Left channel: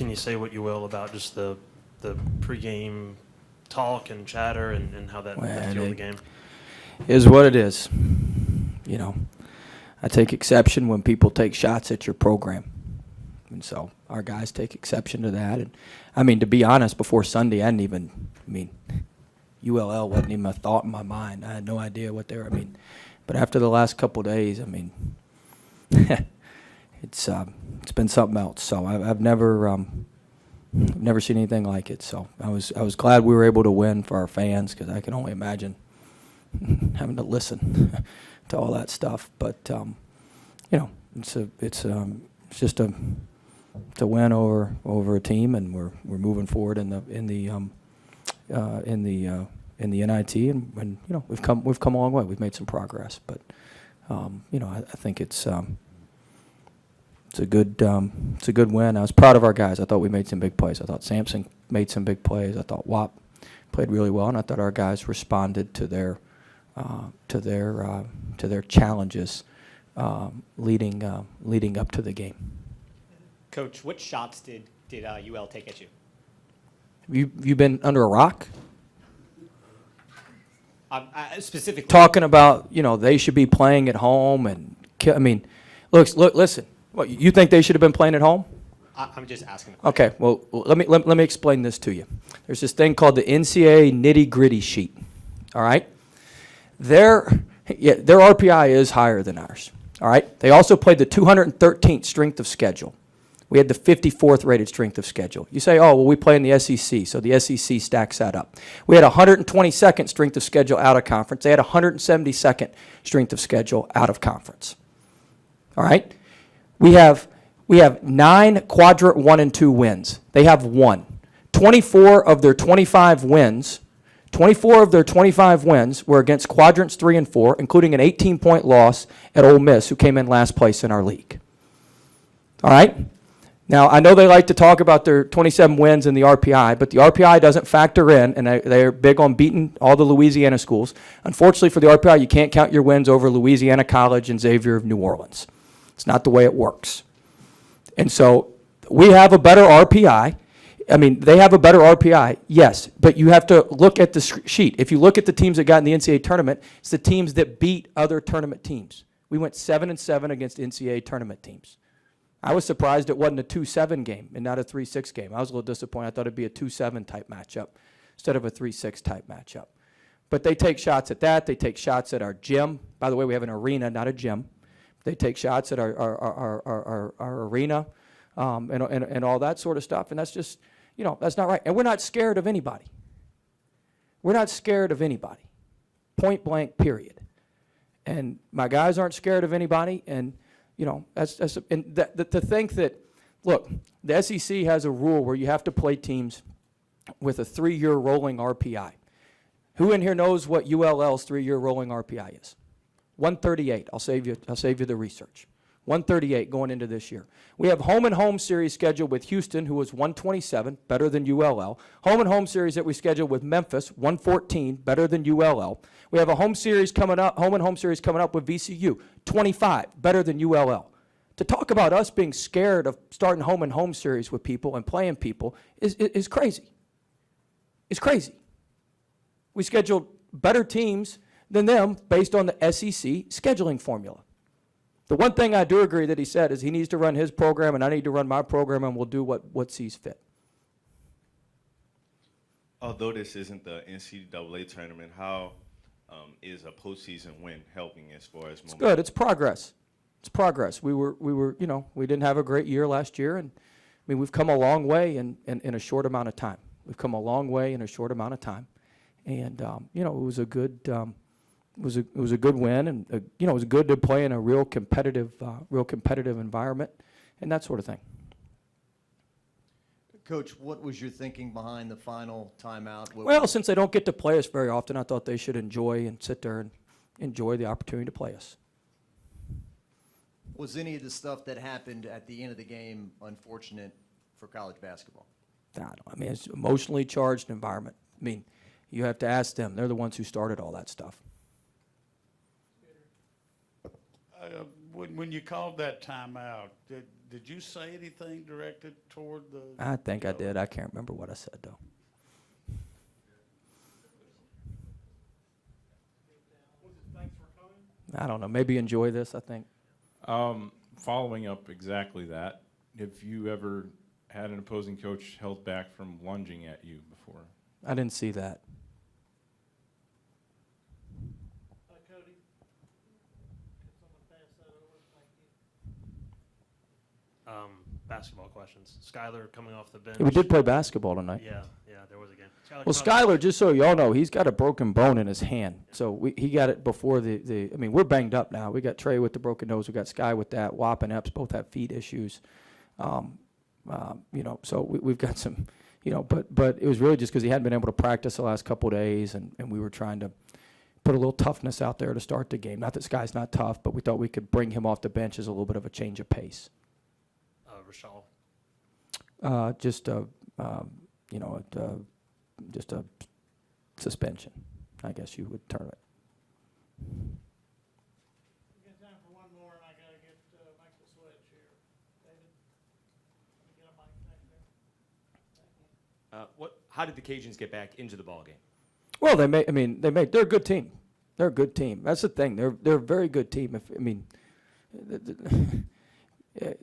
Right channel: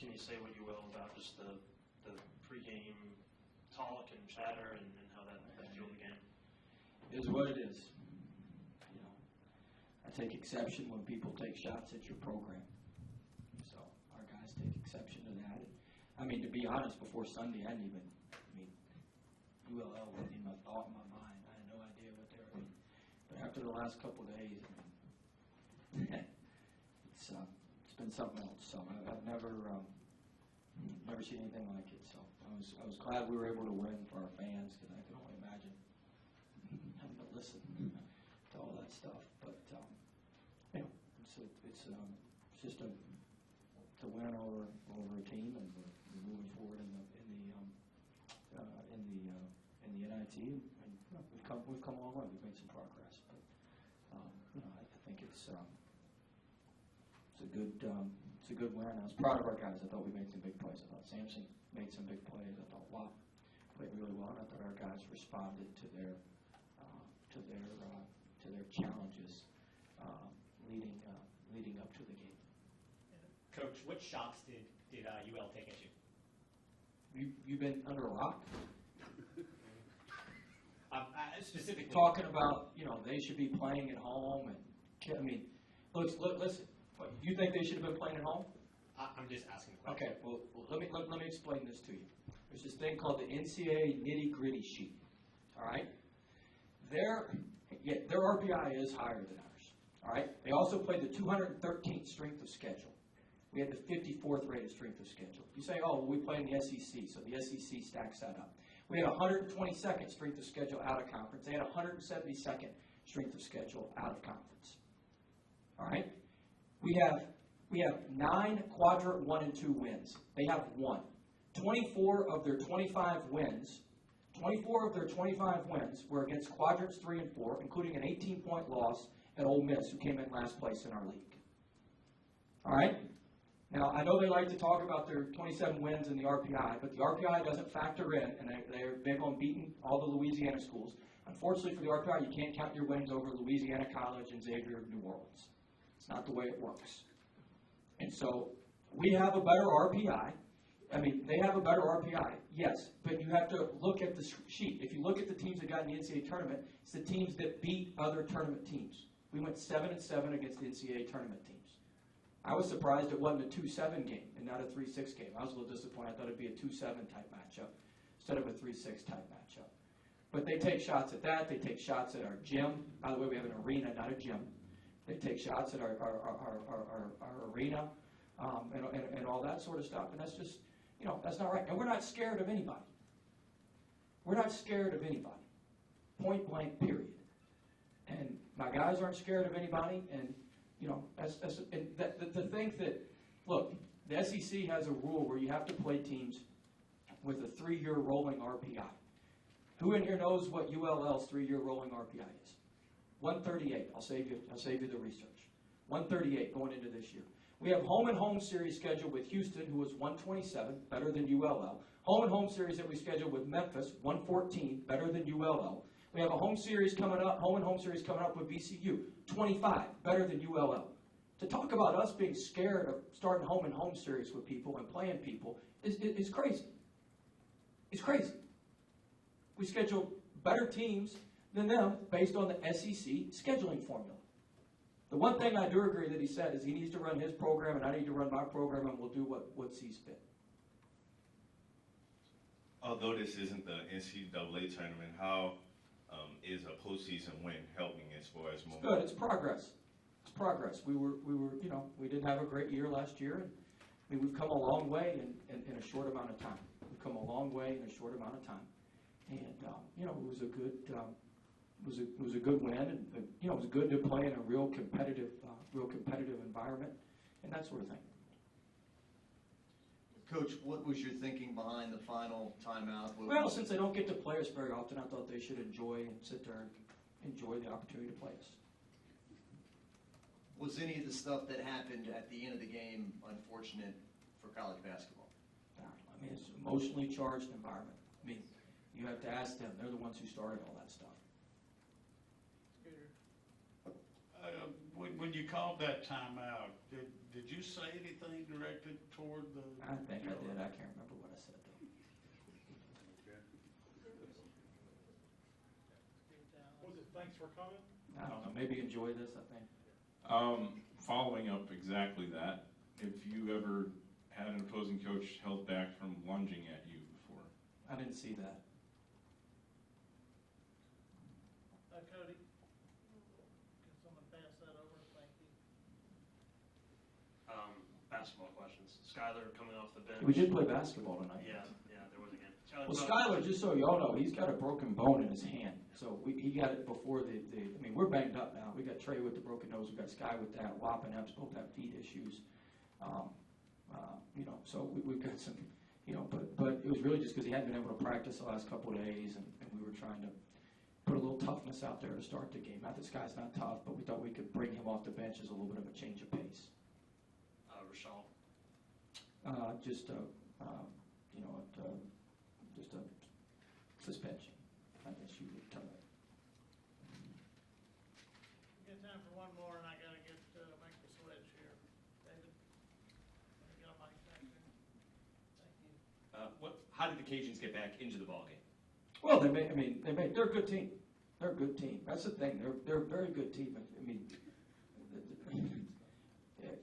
can you say what you will about just the pregame talk and chatter and how that fueled the game? Is what it is. You know, I take exception when people take shots at your program. And so our guys take exception to that. And I mean, to be honest, before Sunday, ULL wasn't even a thought in my mind. I had no idea what they were. But after the last couple of days, it's been something else. So I've never seen anything like it. So I was glad we were able to win for our fans, because I can only imagine having to listen to all that stuff. But it's just a win over a team, and we're moving forward in the NIT, and we've come a long way. We've made some progress, but I think it's a good win. I was proud of our guys. I thought we made some big plays. I thought Sampson made some big plays. I thought Wap played really well, and I thought our guys responded to their challenges leading up to the game. Coach, what shots did UL take at you? You been under a rock? Specifically Talking about, they should be playing at home, and look, listen. What, you think they should have been playing at home? I'm just asking. Okay, well, let me explain this to you. There's this thing called the NCAA nitty-gritty sheet. All right, their RPI is higher than ours. All right, they also played the 213th strength of schedule. We had the 54th rated strength of schedule. You say, oh, well, we play in the SEC, so the SEC stacks that up. We had 122nd strength of schedule out of conference. They had 172nd strength of schedule out of conference. All right? We have 9 quadrant 1 and 2 wins. They have 1. 24 of their 25 wins were against quadrants 3 and 4, including an 18-point loss at Ole Miss, who came in last place in our league. All right? Now, I know they like to talk about their 27 wins in the RPI, but the RPI doesn't factor in, and they're big on beating all the Louisiana schools. Unfortunately for the RPI, you can't count your wins over Louisiana College and Xavier of New Orleans. It's not the way it works. And so we have a better RPI. They have a better RPI, yes, but you have to look at the sheet. If you look at the teams that got in the NCAA tournament, it's the teams that beat other tournament teams. We went 7-7 against NCAA tournament teams. I was surprised it wasn't a 2-7 game and not a 3-6 game. I was a little disappointed. I thought it'd be a 2-7 type matchup instead of a 3-6 type matchup. But they take shots at that. They take shots at our gym. By the way, we have an arena, not a gym. They take shots at our arena and all that sort of stuff. And that's just, that's not right. And we're not scared of anybody. We're not scared of anybody. Point blank, period. And my guys aren't scared of anybody. And to think that, look, the SEC has a rule where you have to play teams with a 3-year rolling RPI. Who in here knows what ULL's 3-year rolling RPI is? 138. I'll save you the research. 138 going into this year. We have home and home series scheduled with Houston, who was 127, better than ULL. Home and home series that we scheduled with Memphis, 114, better than ULL. We have a home and home series coming up with VCU, 25, better than ULL. To talk about us being scared of starting home and home series with people and playing people is crazy. It's crazy. We scheduled better teams than them based on the SEC scheduling formula. The one thing I do agree that he said is he needs to run his program and I need to run my program, and we'll do what sees fit. Although this isn't the NCAA tournament, how is a postseason win helping as far as It's good. It's progress. It's progress. We didn't have a great year last year, and we've come a long way in a short amount of time. We've come a long way in a short amount of time, and it was a good it was a good win, and it was good to play in a real competitive environment, and that sort of thing. Coach, what was your thinking behind the final timeout? Well, since they don't get to play us very often, I thought they should enjoy and sit there and enjoy the opportunity to play us. Was any of the stuff that happened at the end of the game unfortunate for college basketball? It's an emotionally charged environment. You have to ask them. They're the ones who started all that stuff. When you called that timeout, did you say anything directed toward the? I think I did. I can't remember what I said, though. Was it thanks for coming? I don't know. Maybe enjoy this, I think. Following up exactly that, have you ever had an opposing coach held back from lunging at you before? I didn't see that. Cody? Can someone pass that over? Thank you. Basketball questions. Skyler coming off the bench. Yeah, we did play basketball tonight. Yeah, there was a game. Well, Skyler, just so y'all know, he's got a broken bone in his hand. So he got it before I mean, we're banged up now. We got Trey with the broken nose. We got Sky with that. Wap and Epps both have feet issues. So we've got some, but it was really just because he hadn't been able to practice the last couple of days, and we were trying to put a little toughness out there to start the game. Not that Sky's not tough, but we thought we could bring him off the bench as a little bit of a change of pace. Rashal. Just a suspension, I guess you would term it. We got time for one more, and I gotta make the switch here. David? You got a mic back there? Thank you. How did the Cajuns get back into the ballgame? Well, they're a good team. They're a good team. That's the thing. They're a very good team.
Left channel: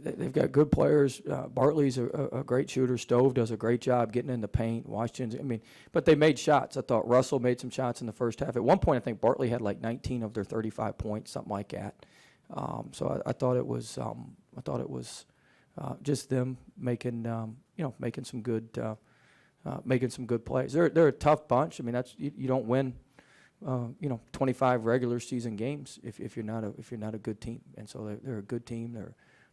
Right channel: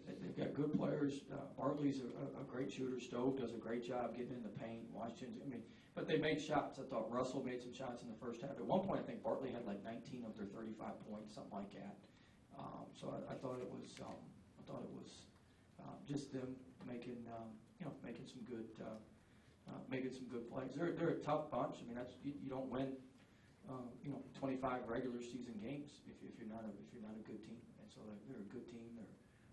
They've got good players. Bartley's a great shooter. Stove does a great job getting in the paint. Washington, but they made shots. I thought Russell made some shots in the first half. At one point, I think Bartley had like 19 of their 35 points, something like that. So I thought it was just them making some good plays. They're a tough bunch. I mean, you don't win 25 regular season games if you're not a good team. And so they're a good team.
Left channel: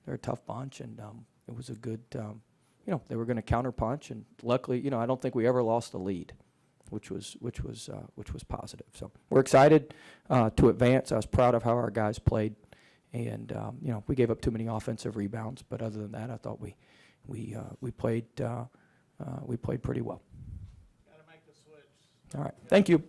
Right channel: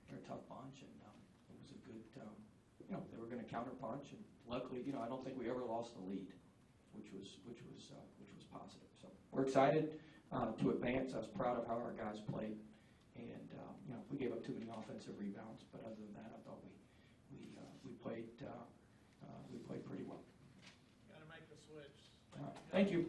They're a tough bunch, and it was a good, they were going to counterpunch, and luckily, I don't think we ever lost the lead, which was positive. So we're excited to advance. I was proud of how our guys played, and we gave up too many offensive rebounds, but other than that, I thought we played pretty well. Gotta make the switch. All right, thank you.